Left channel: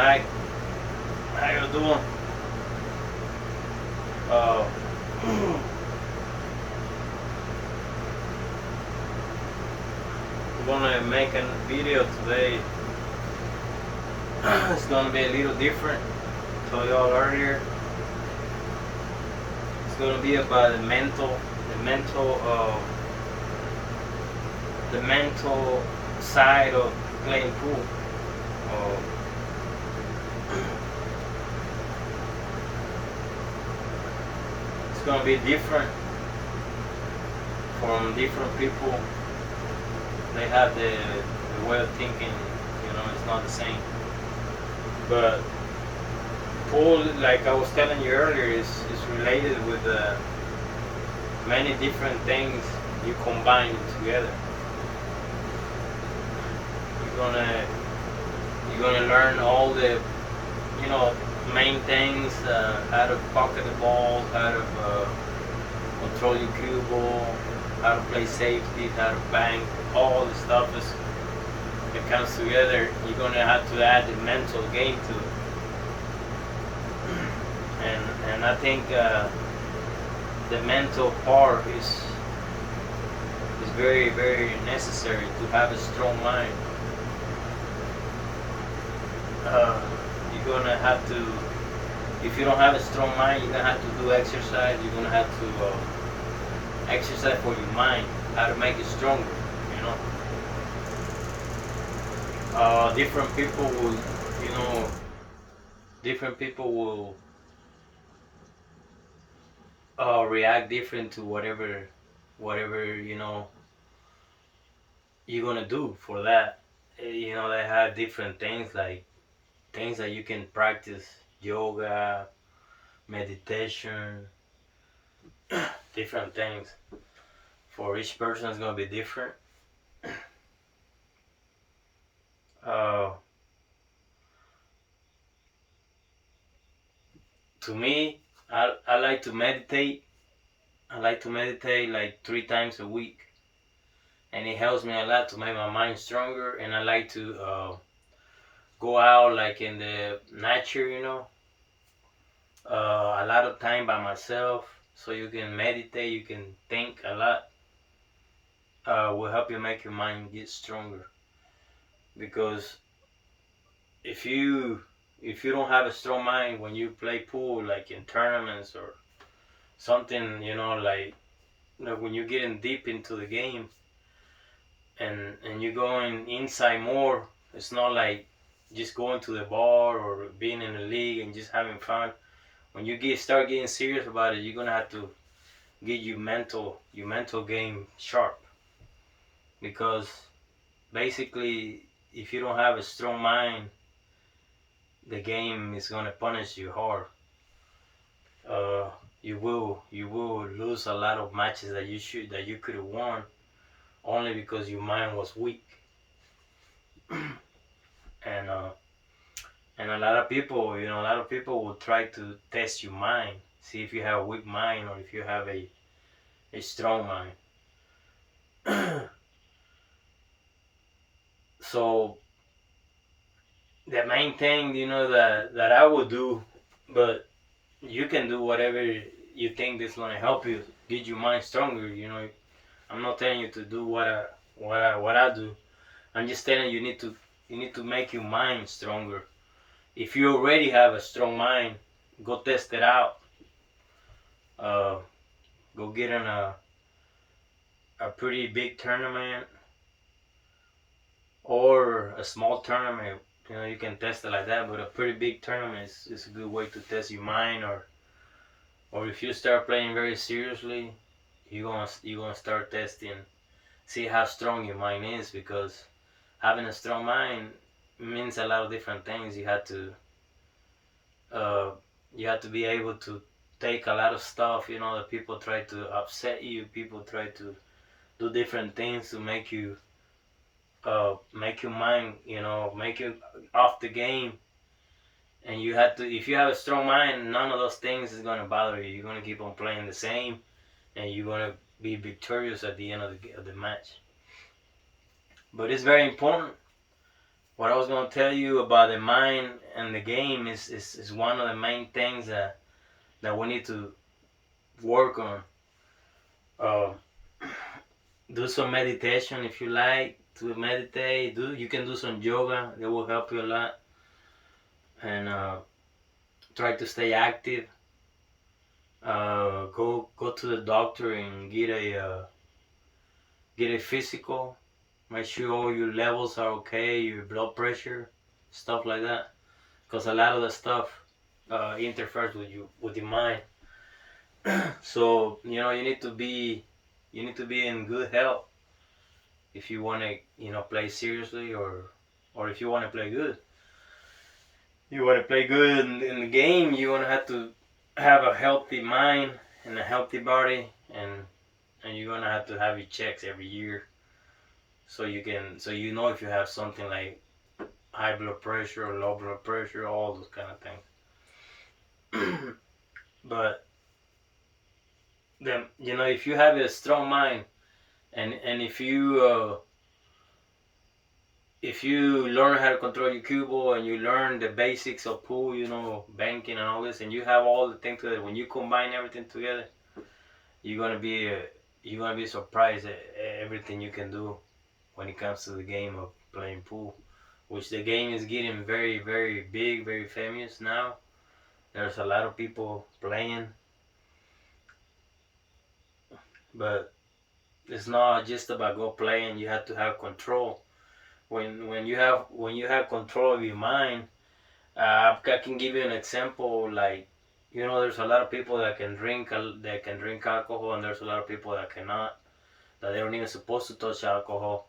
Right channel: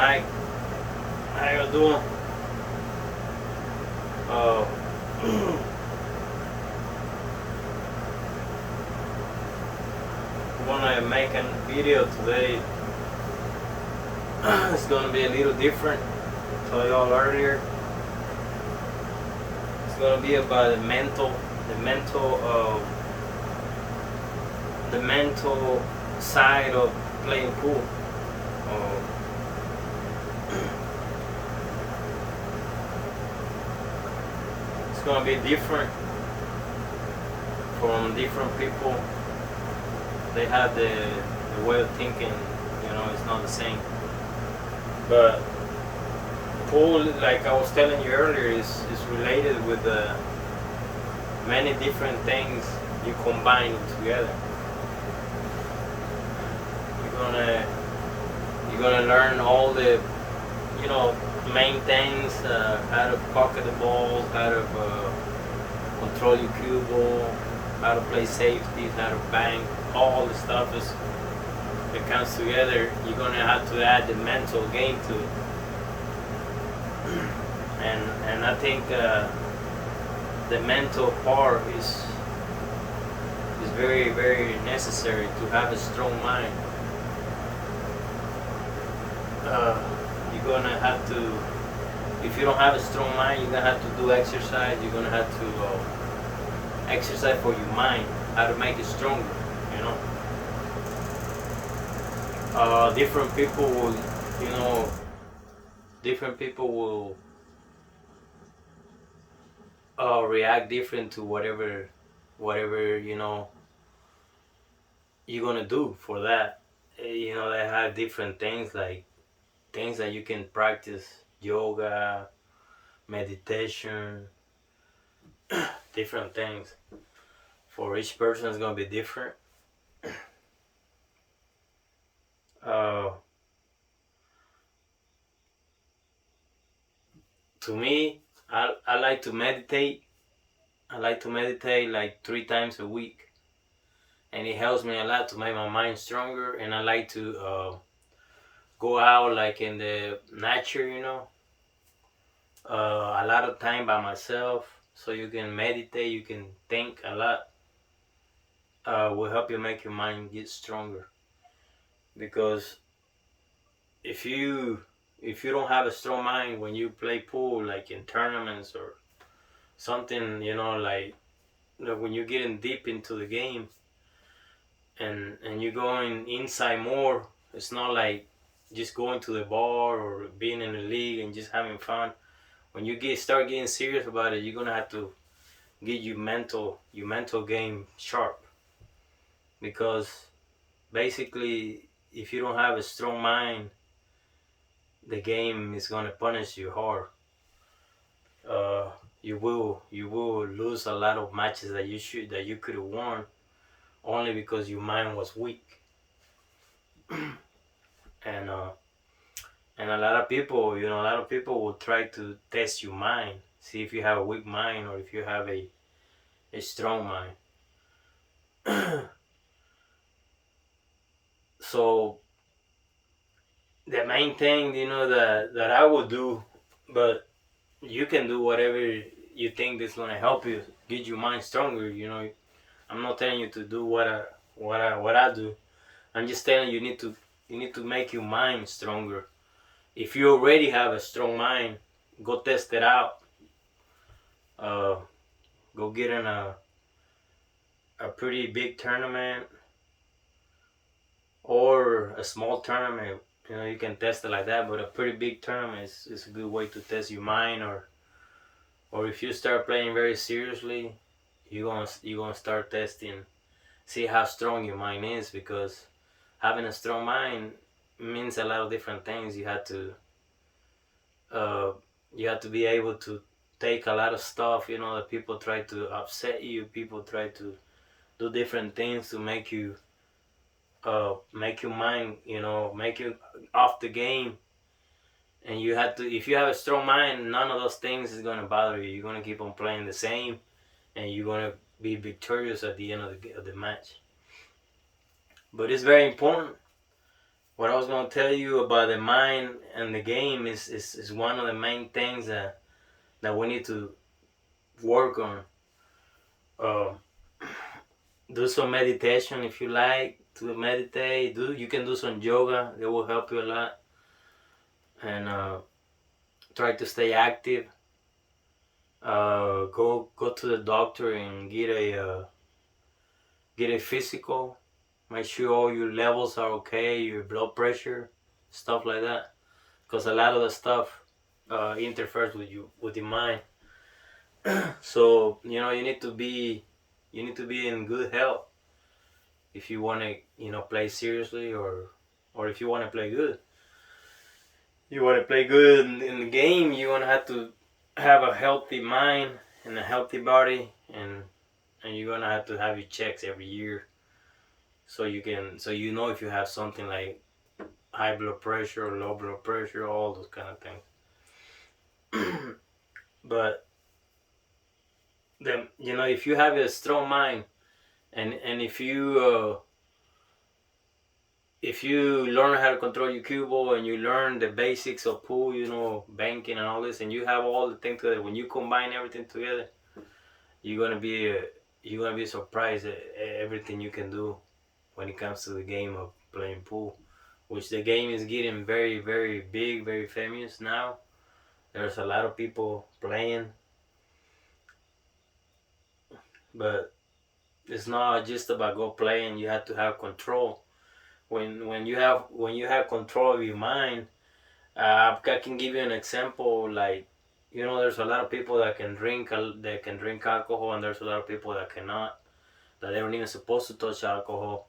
night. How you doing? Uh, we're gonna make a video today. It's gonna be a little different. Told y'all earlier. It's gonna be about the mental side of playing pool. Uh, it's gonna be different from different people. They have the way of thinking. It's not the same. But pool, like I was telling you earlier, is related with many different things you combine together. You're gonna learn all the main things, how to pocket the balls, how to control your cue ball, how to play safety, how to bank, all the stuff that comes together. You're gonna have to add the mental game to it, and I think the mental part is very, very necessary to have a strong mind. You're gonna have to, if you don't have a strong mind, you're gonna have to do exercise. You're gonna have to exercise for your mind, how to make it stronger. Different people will, different people will react different to whatever you're gonna do for that. They have different things, like things that you can practice: yoga, meditation, different things. For each person, it's gonna be different. Uh, to me, I like to meditate. I like to meditate like 3 times a week, and it helps me a lot to make my mind stronger. And I like to go out like in the nature, a lot of time by myself, so you can meditate, you can think a lot. Will help you make your mind get stronger, because if you if you don't have a strong mind when you play pool, like in tournaments or something, like when you're getting deep into the game, and you're going inside more, it's not like just going to the bar or being in the league and just having fun. When you start getting serious about it, you're gonna have to get your mental game sharp, because basically, if you don't have a strong mind, the game is gonna punish you hard. You will lose a lot of matches that you could have won, only because your mind was weak. and uh, and a lot of people will try to test your mind, see if you have a weak mind or if you have a strong mind. So the main thing, that I would do, but you can do whatever you think is gonna help you get your mind stronger. I'm not telling you to do what I do. I'm just telling you, you need to make your mind stronger. If you already have a strong mind, go test it out. Uh, Go get in a pretty big tournament or a small tournament. You can test it like that, but a pretty big tournament is a good way to test your mind. Or if you start playing very seriously, you're gonna start testing, see how strong your mind is, because having a strong mind means a lot of different things. Uh, you have to be able to take a lot of stuff. That people try to upset you. People try to do different things to make your mind, make you off the game. And you have to, if you have a strong mind, none of those things is gonna bother you. You're gonna keep on playing the same, and you're gonna be victorious at the end of the match. But it's very important what I was gonna tell you about the mind and the game is one of the main things that we need to work on. Um, do some meditation if you like to meditate. You can do some yoga. It will help you a lot. And try to stay active. Go to the doctor and get a physical. Make sure all your levels are okay, your blood pressure, stuff like that. Because a lot of the stuff interferes with your mind. So you need to be in good health if you want to play seriously, or if you want to play good. You want to play good in the game. You want to have to have a healthy mind and a healthy body, and you're gonna have to have your checks every year, so you know if you have something like high blood pressure or low blood pressure, all those kind of things. But then if you have a strong mind, and if you learn how to control your cue ball, and you learn the basics of pool, banking and all this, and you have all the things together, when you combine everything together, you're gonna be surprised at everything you can do when it comes to the game of playing pool, which the game is getting very, very big, very famous now. There's a lot of people playing, but it's not just about go playing. You have to have control. When you have control of your mind, I can give you an example. Like, there's a lot of people that can drink alcohol, and there's a lot of people that cannot. That they aren't even supposed to touch alcohol.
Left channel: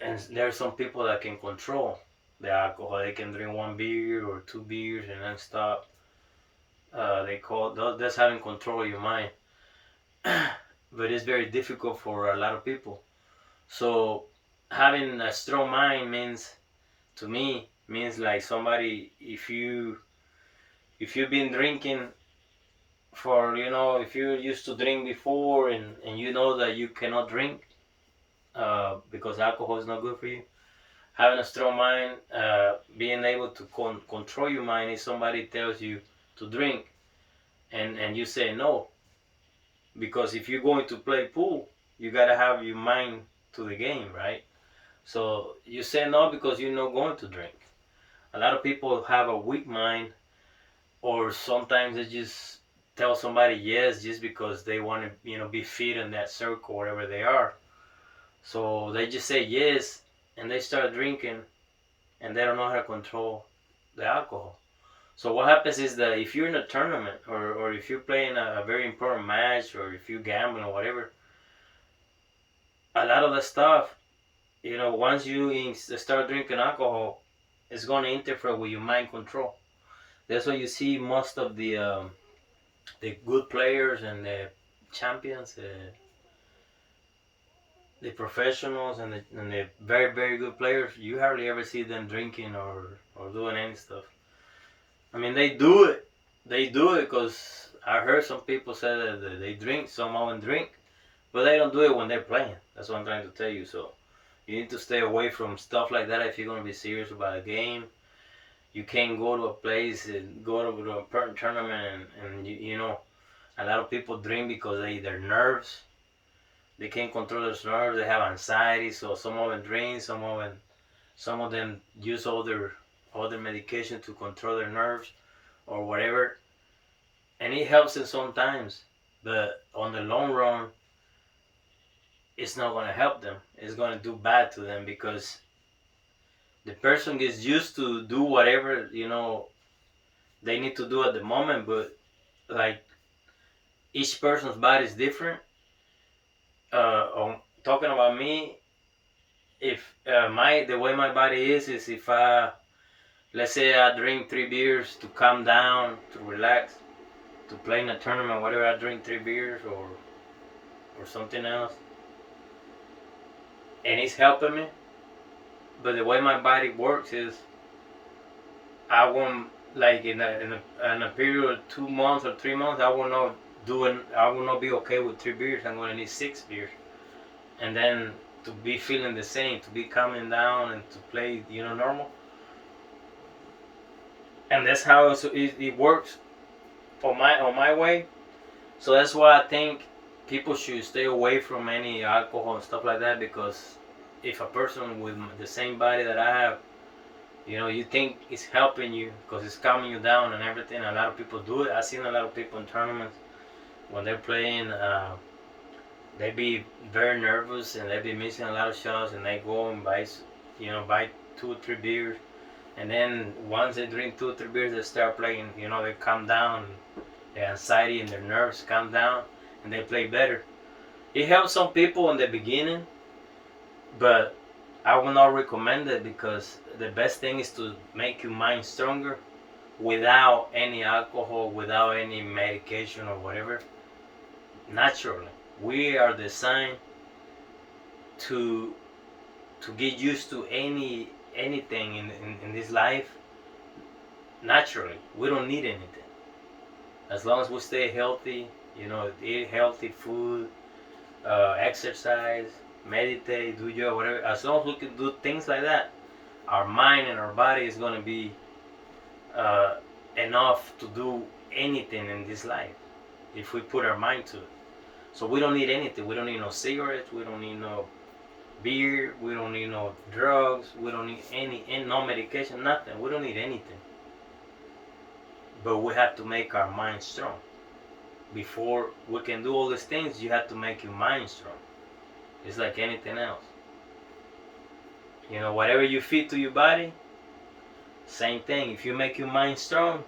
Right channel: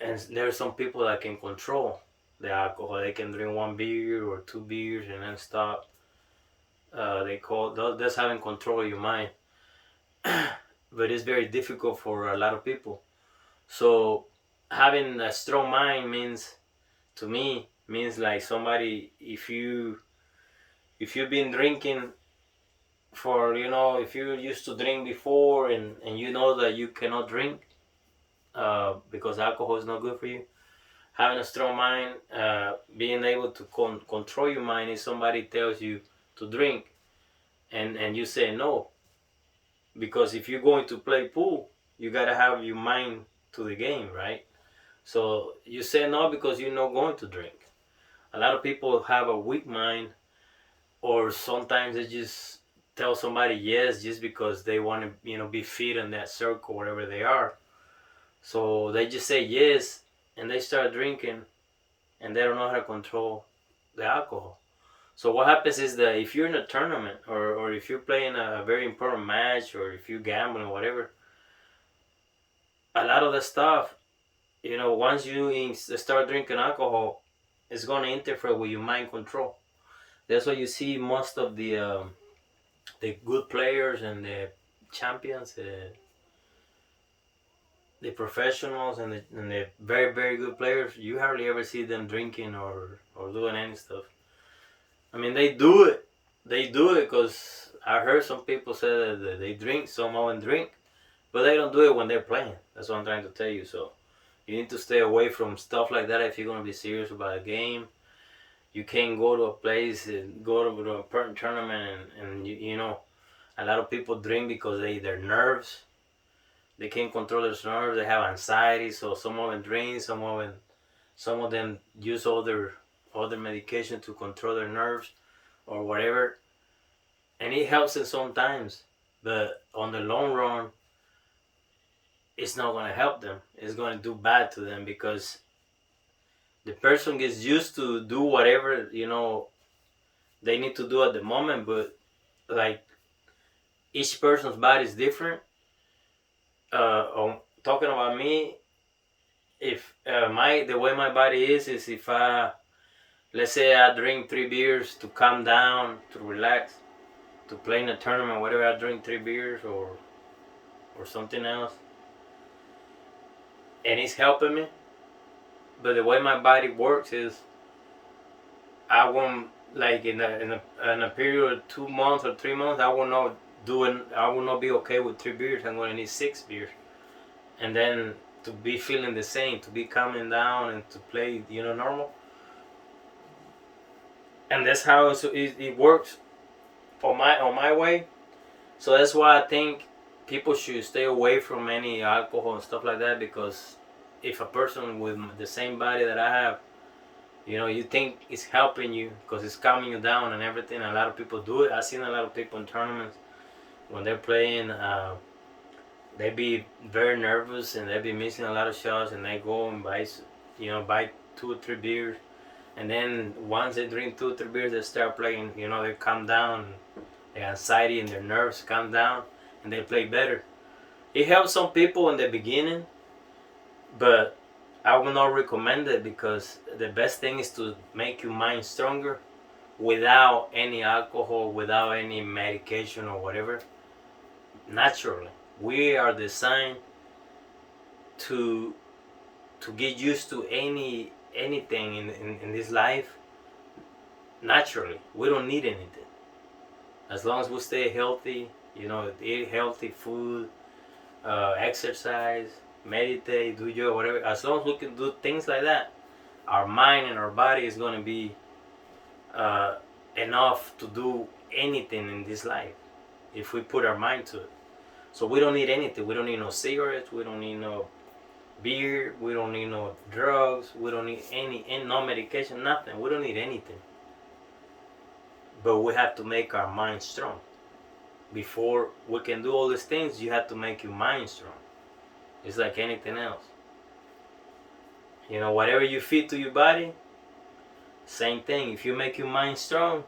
And there's some people that can control the alcohol. They can drink one beer or two beers and then stop. That's having control of your mind. But it's very difficult for a lot of people. So having a strong mind to me means like somebody, if you've been drinking for, if you used to drink before, and you know that you cannot drink because alcohol is not good for you. Having a strong mind, being able to control your mind, if somebody tells you to drink, and you say no, because if you're going to play pool, you gotta have your mind to the game, right? So you say no because you're not going to drink. A lot of people have a weak mind, or sometimes they just tell somebody yes just because they want to, be fit in that circle, wherever they are. So they just say yes, and they start drinking, and they don't know how to control the alcohol. So what happens is that if you're in a tournament, or if you're playing a very important match, or if you gamble or whatever, a lot of the stuff, once you start drinking alcohol, it's going to interfere with your mind control. That's why you see most of the good players and the champions, the professionals, and the very, very good players, you hardly ever see them drinking or doing any stuff. I mean, they do it. They do it because I heard some people say that they drink, some of them drink, but they don't do it when they're playing. That's what I'm trying to tell you. So you need to stay away from stuff like that if you're going to be serious about a game. You can't go to a place and go to a tournament, and a lot of people drink because they're nerves. They can't control their nerves. They have anxiety, so some of them drink, some of them use other medication to control their nerves or whatever, and it helps them sometimes. But on the long run, it's not going to help them. It's going to do bad to them, because the person gets used to do whatever they need to do at the moment. But like, each person's body is different. Talking about me, if the way my body is if let's say I drink 3 beers to calm down, to relax, to play in a tournament, whatever, I drink 3 beers or something else, and it's helping me. But the way my body works is, I won't, like, in a period of 2 months or 3 months, I will not be okay with 3 beers. I'm going to need 6 beers, and then to be feeling the same, to be calming down and to play, normal. And that's how it works on my way. So that's why I think people should stay away from any alcohol and stuff like that, because if a person with the same body that I have, you think it's helping you because it's calming you down and everything. A lot of people do it. I've seen a lot of people in tournaments when they're playing. They be very nervous and they be missing a lot of shots, and they go and buy 2 or 3 beers, and then once they drink 2 or 3 beers, they start playing. They calm down, the anxiety and their nerves calm down, and they play better. It helps some people in the beginning, but I would not recommend it, because the best thing is to make your mind stronger without any alcohol, without any medication or whatever. Naturally, we are designed to get used to anything in this life. Naturally, we don't need anything as long as we stay healthy. Eat healthy food, exercise, meditate, do yoga, whatever. As long as we can do things like that, our mind and our body is going to be enough to do anything in this life if we put our mind to it. So we don't need anything. We don't need no cigarettes. We don't need no beer. We don't need no drugs. We don't need no medication, nothing. We don't need anything. But we have to make our mind strong. Before we can do all these things, you have to make your mind strong. It's like anything else. Whatever you feed to your body, same thing. If you make your mind strong,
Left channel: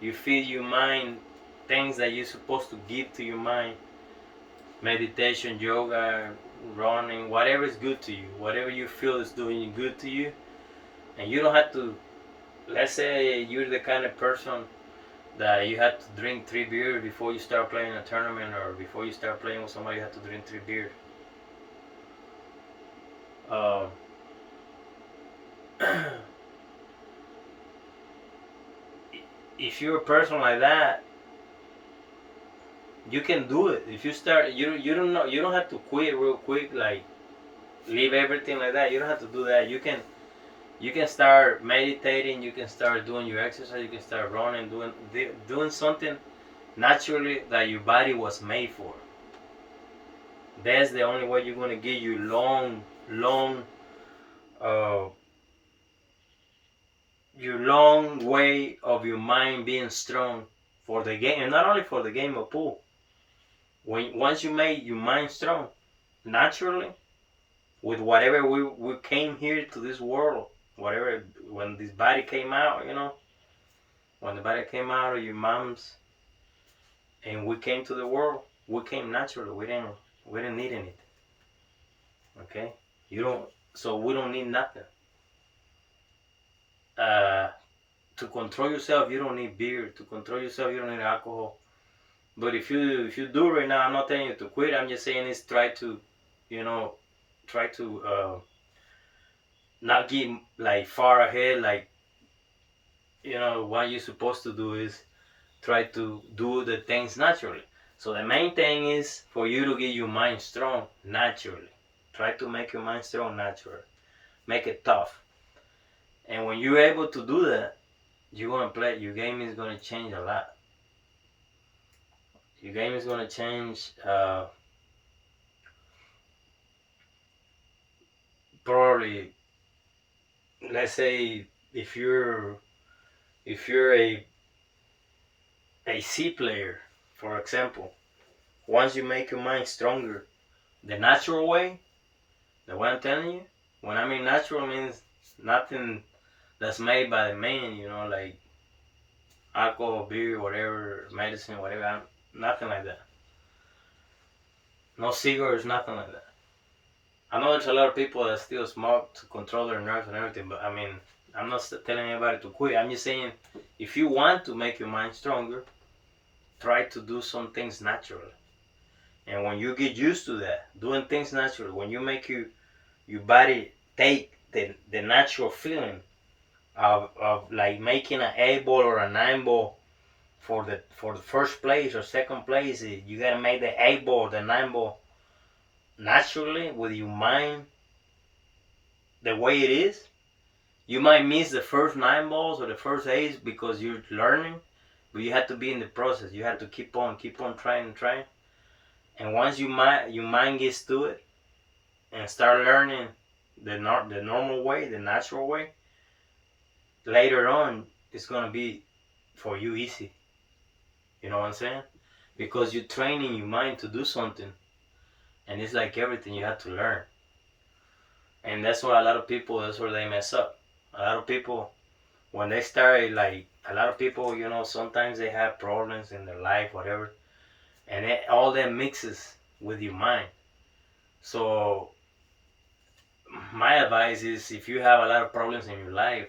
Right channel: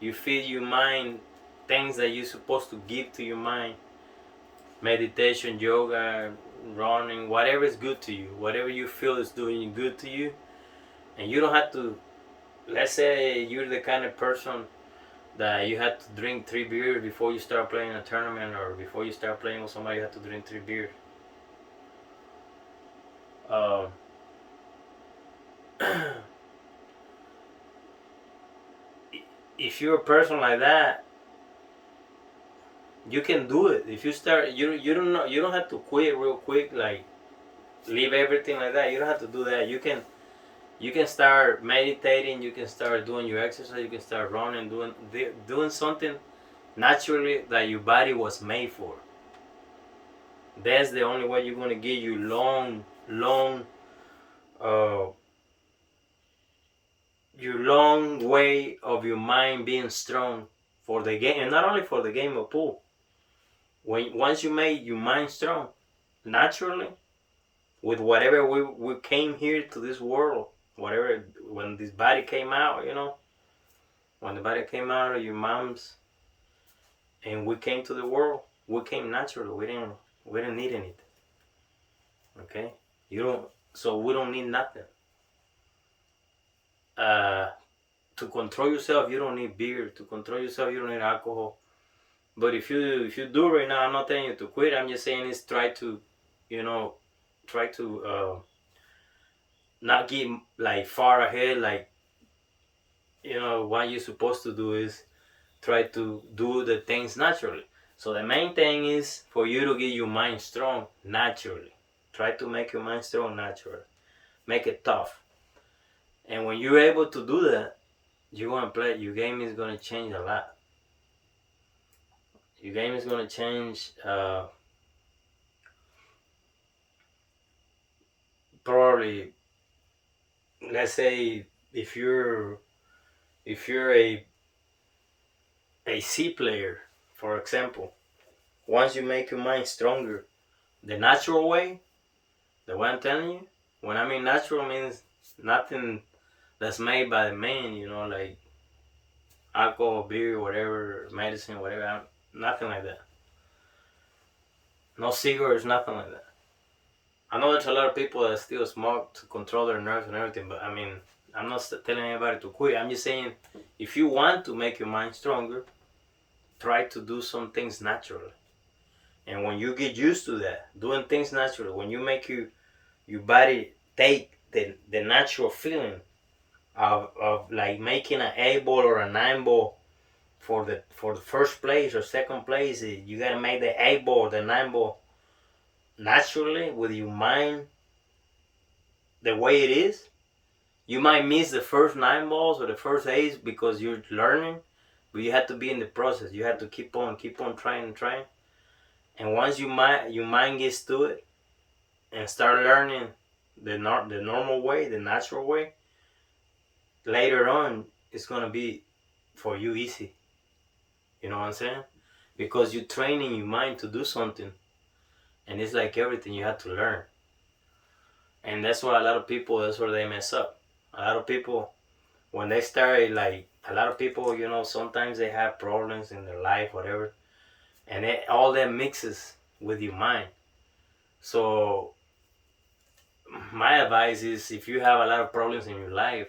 you feed your mind things that you're supposed to give to your mind. Meditation, yoga, running, whatever is good to you, whatever you feel is doing good to you. And you don't have to, let's say you're the kind of person that you had to drink 3 beers before you start playing a tournament, or before you start playing with somebody, you have to drink 3 beers. If you're a person like that, you can do it. If you start, you don't have to quit real quick, like leave everything like that. You don't have to do that. You can start meditating. You can start doing your exercise. You can start running, doing something naturally that your body was made for. That's the only way you're gonna get you your long way of your mind being strong for the game, and not only for the game of pool. Once you make your mind strong, naturally, with whatever we came here to this world, whatever, when this body came out, when the body came out of your mom's, and we came to the world, we came naturally. We didn't need anything. Okay, so we don't need nothing. To control yourself, you don't need beer. To control yourself, you don't need alcohol. But if you do right now, I'm not telling you to quit. I'm just saying is try to not get like far ahead. Like, what you're supposed to do is try to do the things naturally. So the main thing is for you to get your mind strong naturally. Try to make your mind strong naturally. Make it tough. And when you're able to do that, you're gonna play. Your game is gonna change a lot. Your game is gonna change. Probably, let's say if you're a C player, for example, once you make your mind stronger, the natural way, the way I'm telling you, when I mean natural means nothing that's made by the man, like alcohol, beer, whatever, medicine, whatever, nothing like that. No cigarettes, nothing like that. I know there's a lot of people that still smoke to control their nerves and everything, but I mean, I'm not telling anybody to quit. I'm just saying, if you want to make your mind stronger, try to do some things naturally. And when you get used to that, doing things naturally, when you make your body take the natural feeling of like making an 8 ball or a 9 ball for the first place or second place, you gotta make the 8 ball, the 9 ball naturally with your mind the way it is, you might miss the first 9 balls or the first eight because you're learning, but you have to be in the process. You have to keep on trying and trying. And once your mind gets to it and start learning the normal way, the natural way, later on it's gonna be for you easy. You know what I'm saying? Because you're training your mind to do something, and it's like everything you have to learn. And that's why a lot of people, that's where they mess up. A lot of people, when they start, like a lot of people, sometimes they have problems in their life, whatever, and all that mixes with your mind. So my advice is, if you have a lot of problems in your life,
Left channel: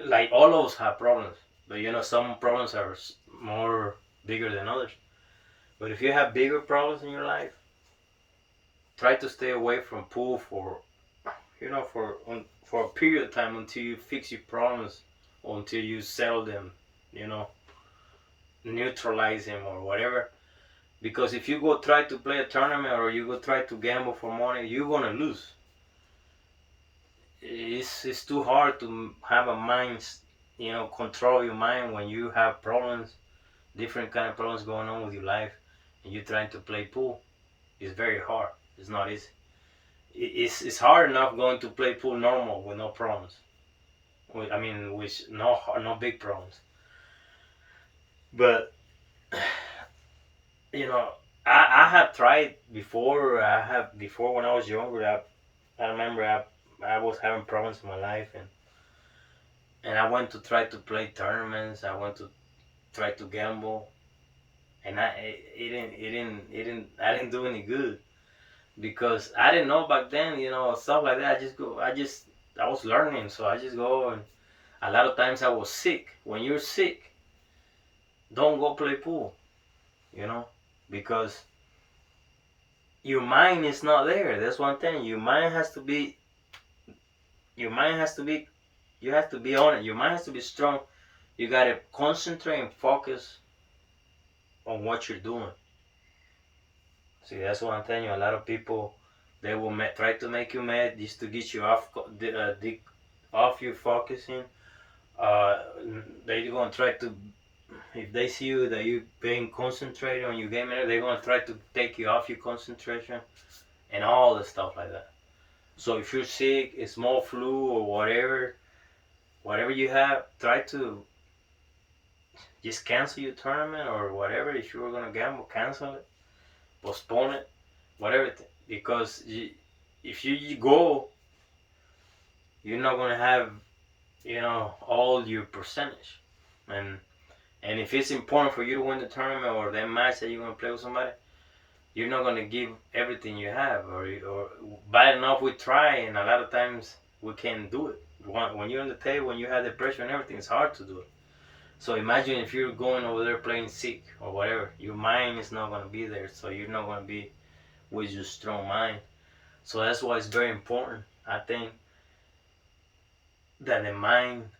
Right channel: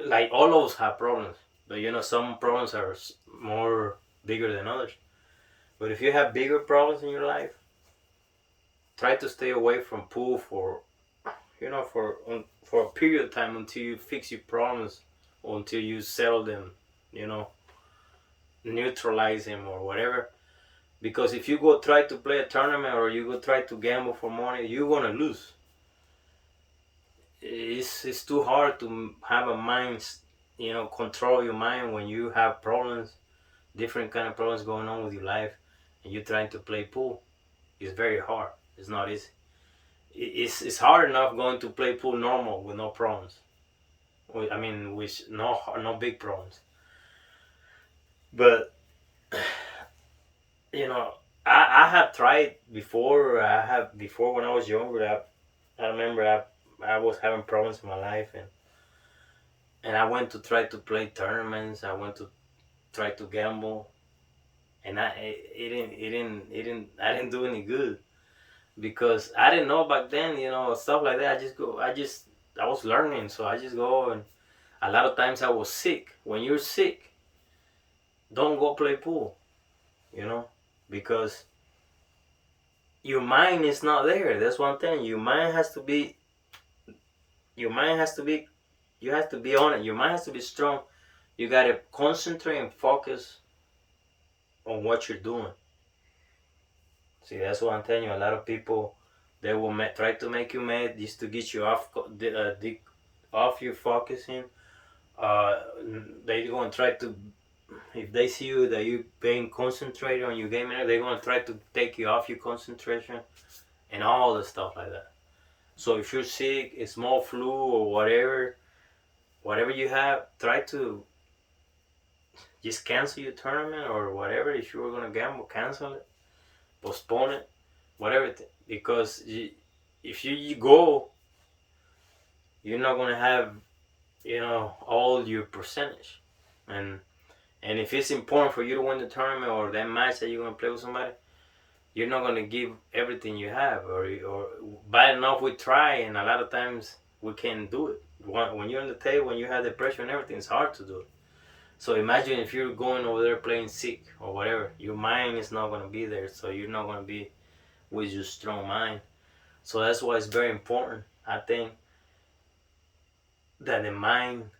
like all of us have problems, but some problems are more bigger than others. But if you have bigger problems in your life, try to stay away from pool for a period of time until you fix your problems, or until you settle them, you know, neutralize them or whatever. Because if you go try to play a tournament or you go try to gamble for money, you're gonna lose. It's too hard to have a mind, control your mind when you have problems, different kind of problems going on with your life, and you're trying to play pool. It's very hard. It's not easy. It's hard enough going to play pool normal with no problems. I mean, with no big problems. But you know, I have tried before. I have before when I was younger. I remember I was having problems in my life, and I went to try to play tournaments. I went to try to gamble, and I didn't do any good because I didn't know back then. Stuff like that. I was learning, so I just go, and a lot of times I was sick. When you're sick, don't go play pool. You know, because your mind is not there. That's one thing. Your mind has to be. Your mind has to be. You have to be on it. Your mind has to be strong. You gotta concentrate and focus on what you're doing. See, that's what I'm telling you. A lot of people, they will try to make you mad just to get you off you focusing. They're gonna try to, if they see you that you being concentrated on your game, they're gonna try to take you off your concentration and all the stuff like that. So if you're sick, a small flu or whatever you have, try to just cancel your tournament or whatever. If you were gonna gamble, cancel it, postpone it, whatever. Because if you go, you're not gonna have all your percentage, and if it's important for you to win the tournament or that match that you're gonna play with somebody, you're not gonna give everything you have, or bad enough we try, and a lot of times we can't do it. When you're on the table, when you have the pressure and everything, it's hard to do it. So imagine if you're going over there playing sick or whatever, your mind is not gonna be there, so you're not gonna be with your strong mind. So that's why it's very important, I think, that the mind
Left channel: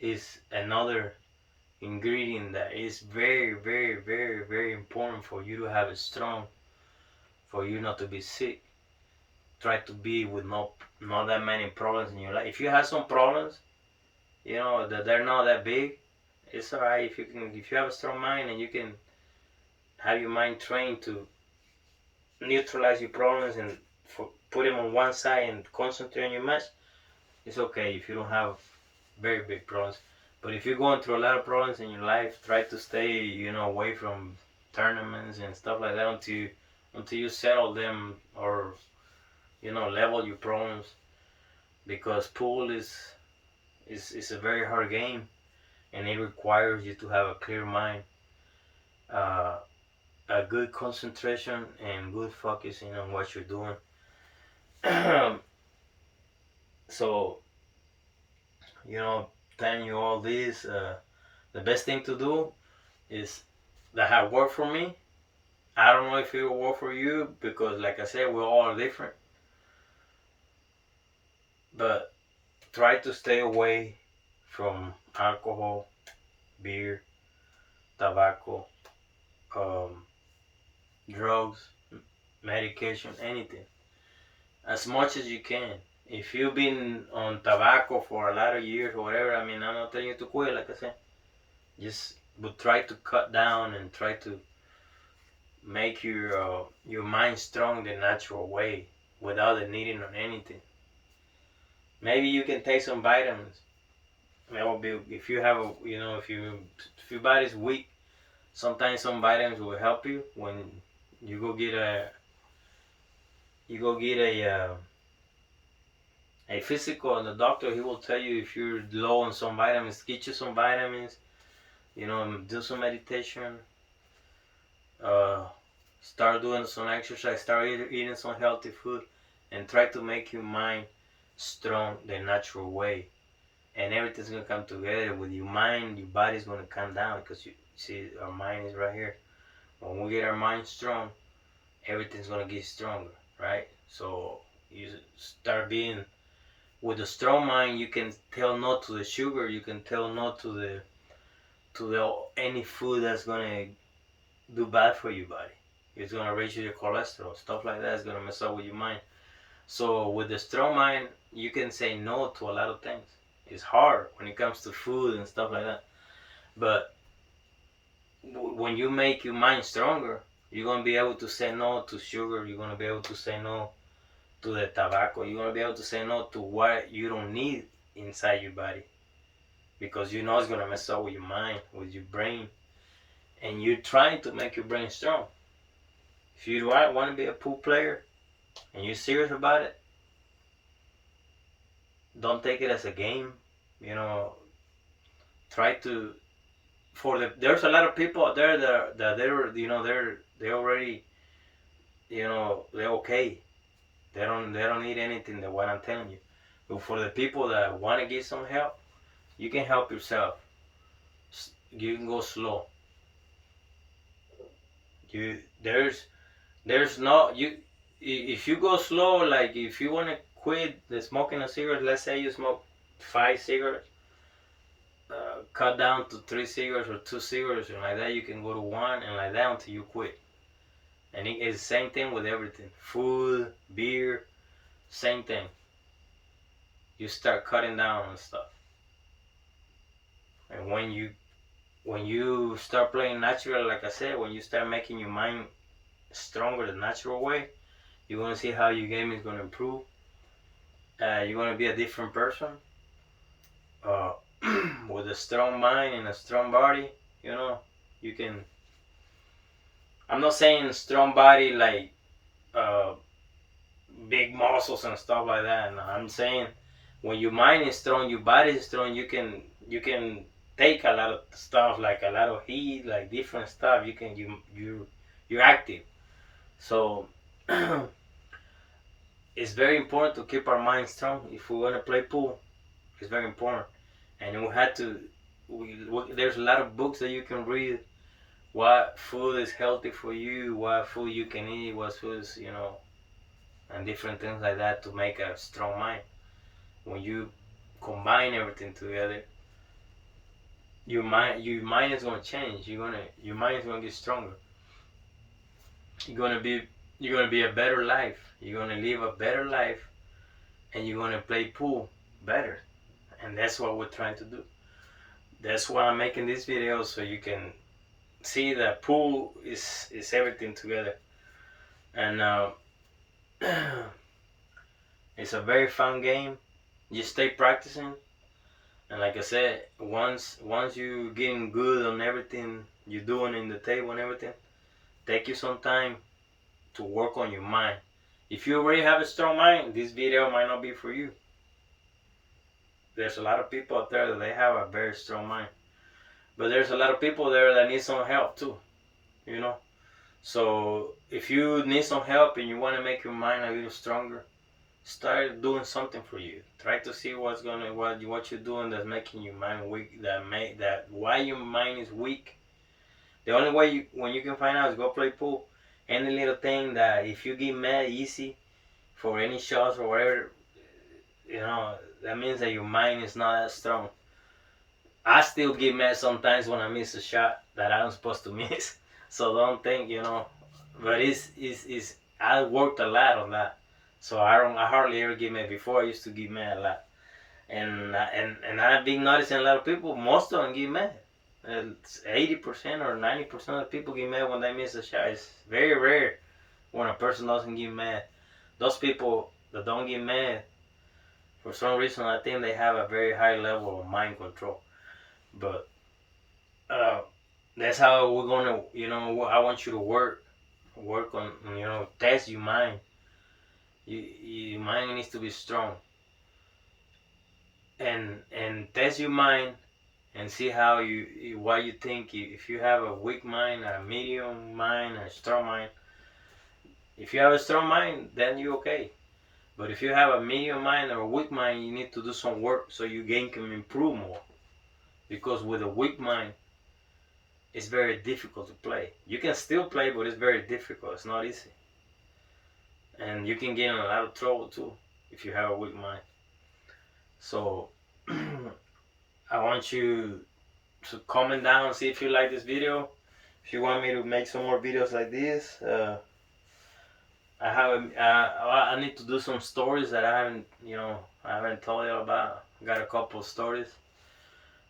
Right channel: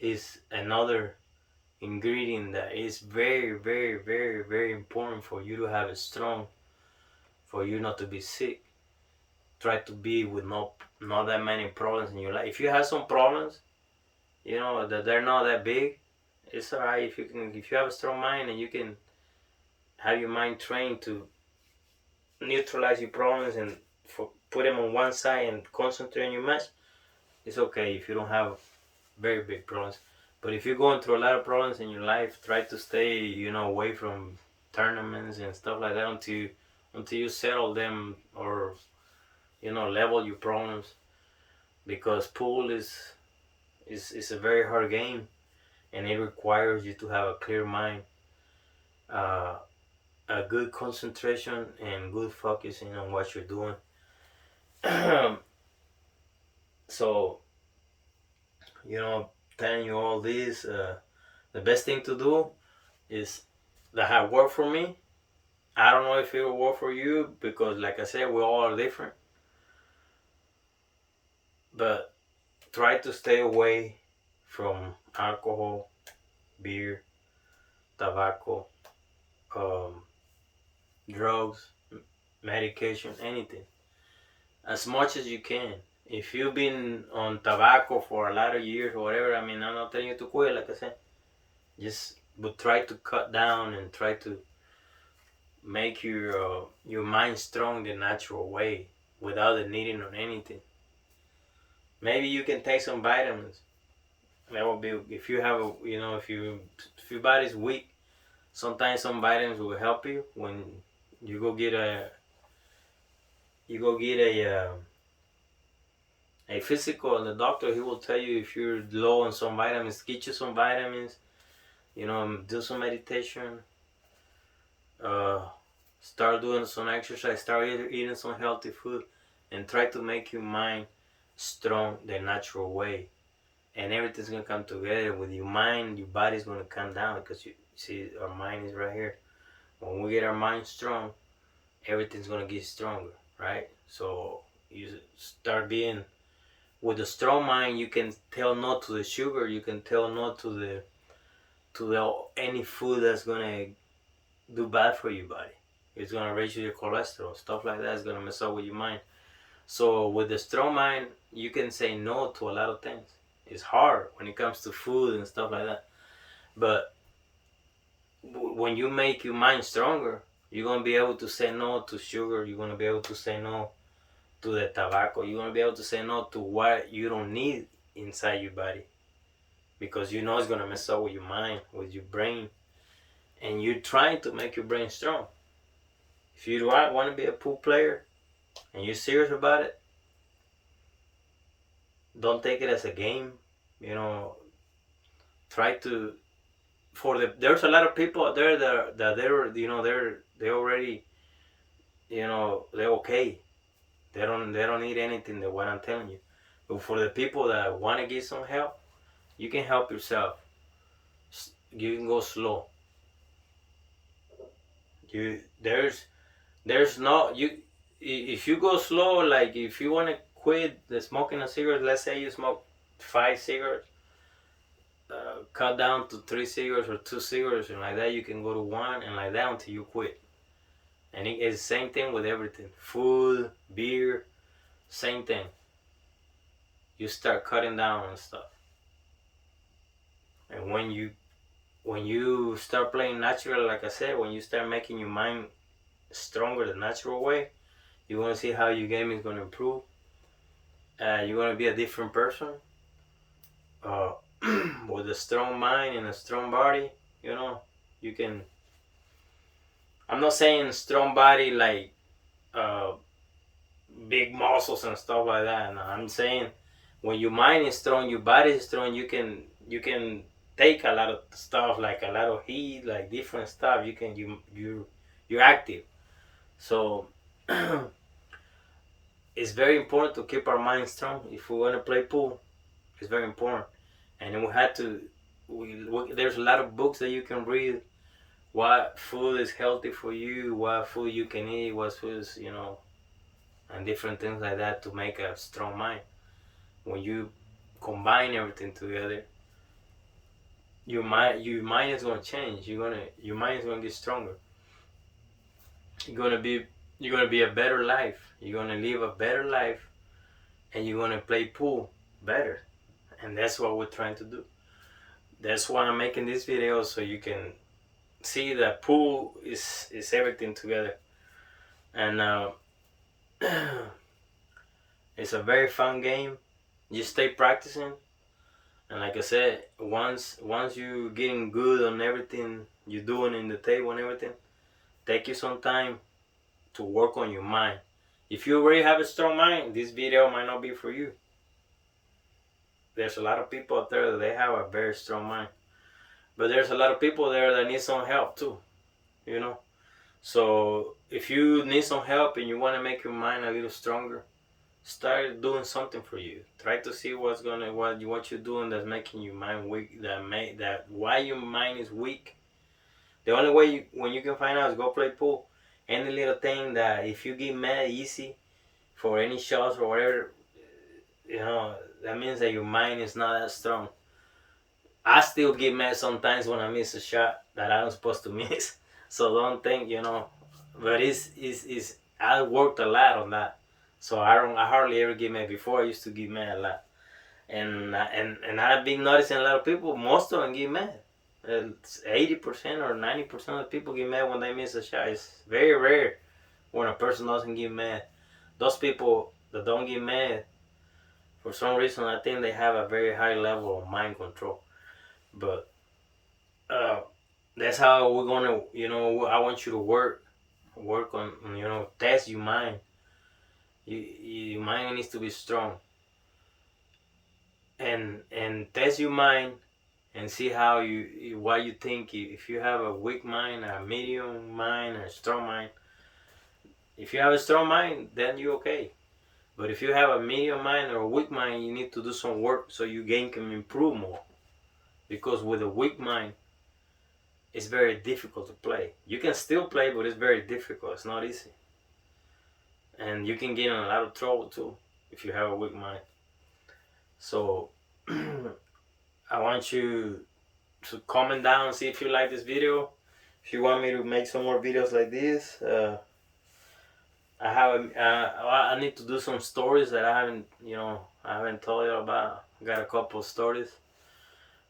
is another ingredient that is very, very, very, very important for you to have it strong, for you not to be sick. Try to be with not that many problems in your life. If you have some problems, that they're not that big, it's alright. If you have a strong mind and you can have your mind trained to neutralize your problems and put them on one side and concentrate on your match, it's okay if you don't have very big problems. But if you're going through a lot of problems in your life, try to stay, away from tournaments and stuff like that until you settle them, or level your problems. Because pool is a very hard game, and it requires you to have a clear mind, uh, a good concentration, and good focusing on what you're doing. So, telling you all this, the best thing to do is that have worked for me. I don't know if it will work for you, because like I said, we all are different. But try to stay away from alcohol, beer, tobacco, um, drugs, medication, anything, as much as you can. If you've been on tobacco for a lot of years or whatever, I mean, I'm not telling you to quit, like I said. Just but try to cut down and try to make your mind strong the natural way without the needing on anything. Maybe you can take some vitamins. That will be if you have a if your body's weak. Sometimes some vitamins will help you when you go get a you go get a physical and the doctor he will tell you if you're low on some vitamins, get you some vitamins. Do some meditation. Uh, Start doing some exercise. Start eating some healthy food, and try to make your mind strong the natural way. And everything's gonna come together with your mind. Your body's gonna come down because you see our mind is right here. When we get our mind strong, everything's gonna get stronger, right? So you start being with a strong mind. You can tell no to the sugar. You can tell no to the any food that's gonna do bad for your body. It's gonna raise your cholesterol, stuff like that is gonna mess up with your mind. So with a strong mind, you can say no to a lot of things. It's hard when it comes to food and stuff like that, but when you make your mind stronger, you're gonna be able to say no to sugar. You're gonna be able to say no to the tobacco. You're gonna be able to say no to what you don't need inside your body because you know it's gonna mess up with your mind, with your brain, and you're trying to make your brain strong. If you want to be a pool player and you're serious about it, don't take it as a game. You know, try to. There's a lot of people out there that they already they're okay. They don't need anything that what I'm telling you. But for the people that want to get some help, you can help yourself. You can go slow. You there's no you if you go slow, like if you want to quit the smoking a cigarette, let's say you smoke 5 cigarettes, cut down to 3 cigarettes or 2 cigarettes, and like that you can go to one, and like that until you quit. And it's the same thing with everything, food, beer, same thing. You start cutting down and stuff, and when you start playing natural, like I said, when you start making your mind stronger the natural way, you're gonna see how your game is gonna improve. You're gonna be a different person, uh, with a strong mind and a strong body. You know, you can. I'm not saying strong body like uh, big muscles and stuff like that. No, I'm saying when your mind is strong, your body is strong. You can take a lot of stuff, like a lot of heat, like different stuff. You're active. So it's very important to keep our mind strong if we want to play pool. It's very important, and then we had to. There's a lot of books that you can read. What food is healthy for you? What food you can eat? What foods and different things like that to make a strong mind. When you combine everything together, your mind is gonna change. Your mind is gonna get stronger. You're gonna be you're gonna be a better life. You're gonna live a better life, and you're gonna play pool better. And that's what we're trying to do. That's why I'm making this video, so you can see that pool is everything together. And it's a very fun game. You stay practicing, and like I said, once you getting good on everything you're doing in the table and everything, take you some time to work on your mind. If you already have a strong mind, this video might not be for you. There's a lot of people out there that they have a very strong mind, but there's a lot of people there that need some help too. You know, so if you need some help and you want to make your mind a little stronger, start doing something for you. Try to see what you're doing that's making your mind weak. That why your mind is weak. The only way when you can find out is go play pool. Any little thing that if you get mad easy for any shots or whatever, that means that your mind is not that strong. I still get mad sometimes when I miss a shot that I'm supposed to miss. So don't think but it's I worked a lot on that, so I hardly ever get mad. Before I used to get mad a lot, and I've been noticing a lot of people. Most of them get mad. 80% or 90% of people get mad when they miss a shot. It's very rare when a person doesn't get mad. Those people that don't get mad, for some reason, I think they have a very high level of mind control. But uh, that's how we're gonna, I want you to work on, test your mind. Your mind needs to be strong, and test your mind and see how what you think. If you have a weak mind, a medium mind, a strong mind. If you have a strong mind, then you're okay. But if you have a medium mind or a weak mind, you need to do some work so your game can improve more. Because with a weak mind, it's very difficult to play. You can still play, but it's very difficult. It's not easy. And you can get in a lot of trouble too if you have a weak mind. So I want you to comment down, see if you like this video. If you want me to make some more videos like this, I need to do some stories that I haven't told you about. I got a couple of stories,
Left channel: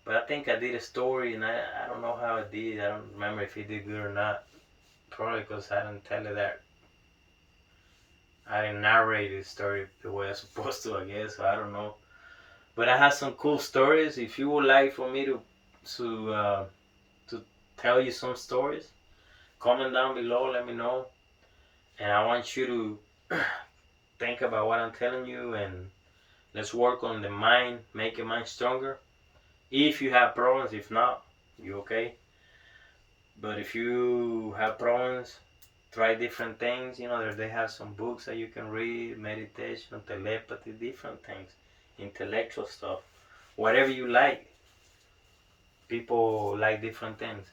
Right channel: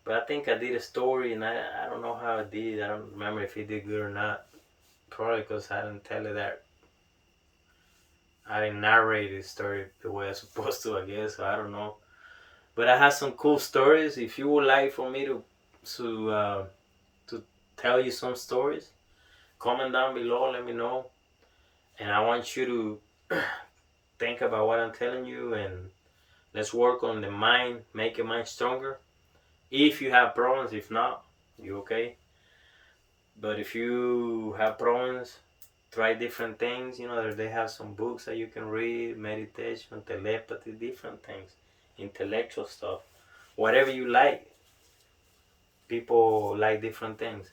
but I think I did a story and I don't know how I did. I don't remember if it did good or not. Probably because I didn't tell you that. I didn't narrate the story the way I'm supposed to, I guess. So I don't know. But I have some cool stories. If you would like for me to tell you some stories, comment down below. Let me know. And I want you to think about what I'm telling you, and let's work on the mind, make your mind stronger. If you have problems, if not, you okay. But if you have problems, try different things. They have some books that you can read, meditation, telepathy, different things, intellectual stuff, whatever you like. People like different things.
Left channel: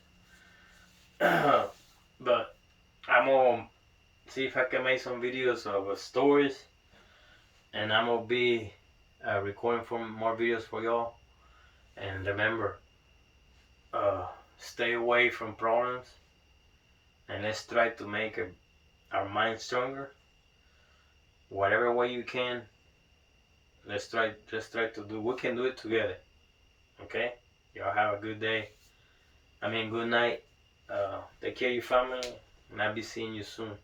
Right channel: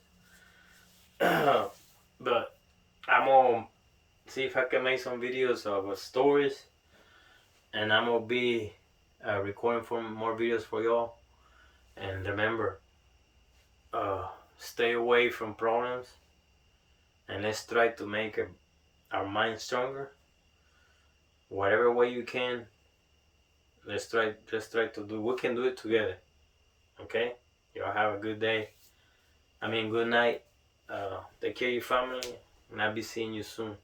But I'm gonna see if I can make some videos of stories, and I'm gonna be recording for more videos for y'all. And remember, uh, stay away from problems, and let's try to make our mind stronger. Whatever way you can, let's try to do. We can do it together. Okay? Y'all have a good day. Good night. Take care of your family, and I'll be seeing you soon.